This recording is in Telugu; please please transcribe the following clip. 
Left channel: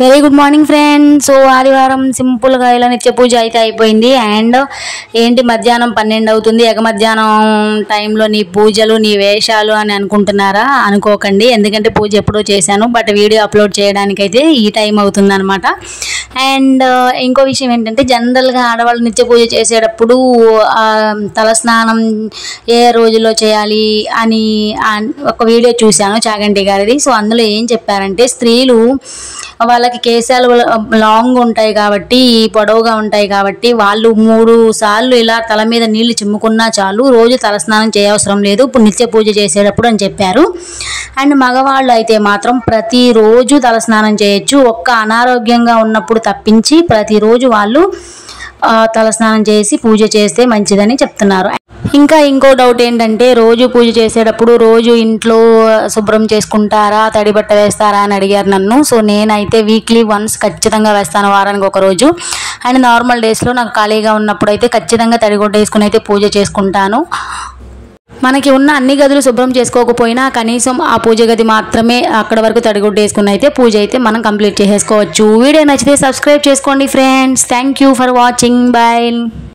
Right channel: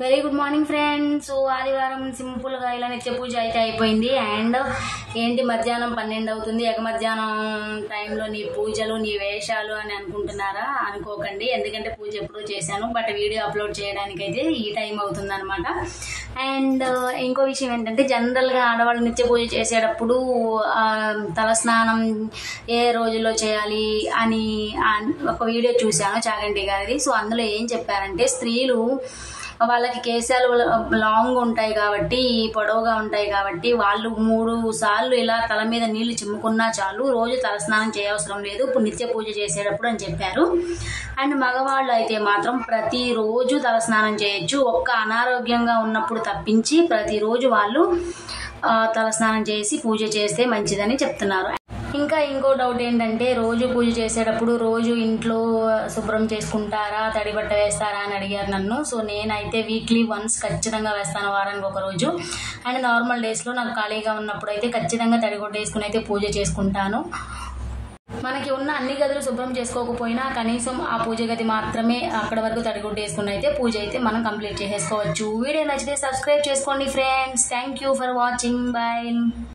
Very good morning friends. So ఆదివారం సింపుల్గా ఇలా నిత్య పూజ అయితే అయిపోయింది. అండ్ ఏంటి మధ్యాహ్నం 12 అవుతుంది, ఎగ మధ్యాహ్నం టైంలో నీ పూజలు నీ వేషాలు అని అనుకుంటున్నారా? అనుకోకండి, ఎందుకంటే పూజ ఎప్పుడో చేశాను, బట్ వీడియో అప్లోడ్ చేయడానికైతే ఈ టైం అవుతుంది అనమాట. అండ్ ఇంకో విషయం ఏంటంటే, జనరల్గా ఆడవాళ్ళు నిత్య పూజ చేసేటప్పుడు తలస్నానం ఏ రోజులో చేయాలి అని ఒక వీడియో చూశాను చాగంటి గారిది. సో అందులో ఏం చెప్పారంటే, స్త్రీలు వాళ్ళకి కేశాలు లాంగ్ ఉంటాయి కాబట్టి, పొడవుగా ఉంటాయి కాబట్టి, వాళ్ళు 3 సార్లు ఇలా తల మీద నీళ్లు చిమ్ముకున్నా చాలు, రోజు తలస్నానం చేయవసరం లేదు ఇప్పుడు నిత్య పూజ చేసేటప్పుడు అని చెప్పారు. అండ్ మగవాళ్ళు అయితే మాత్రం ప్రతిరోజు తలస్నానం చేయొచ్చు, ఒక్క అనారోగ్యంగా ఉన్నప్పుడు తప్పించి ప్రతిరోజు వాళ్ళు తలస్నానం చేసి పూజ చేస్తే మంచిదని చెప్తున్నారు. ఇంకా ఇంకో డౌట్ ఏంటంటే, రోజు పూజ చేసేటప్పుడు రోజు ఇంట్లో శుభ్రం చేసుకుంటారా, తడి బట్ట వేస్తారా అని అడిగారు నన్ను. సో నేనైతే వీక్లీ వన్స్ ఖచ్చితంగా వేస్తాను, వారానికి ఒక రోజు. అండ్ నార్మల్ డేస్లో నాకు ఖాళీగా ఉన్నప్పుడు అయితే ఖచ్చితంగా తడిగుడ్డ వేసుకుని అయితే పూజ చేసుకుంటాను. మనకి ఉన్న అన్ని గదులు శుభ్రం చేసుకోకపోయినా కనీసం ఆ పూజ గది మాత్రమే అక్కడ వరకు తడిగుడ్డ వేసుకుని అయితే పూజ అయితే మనం కంప్లీట్ చేసేసుకోవచ్చు. వీడియో నచ్చితే సబ్స్క్రైబ్ చేసుకోండి friends. Thank you for watching. Bye.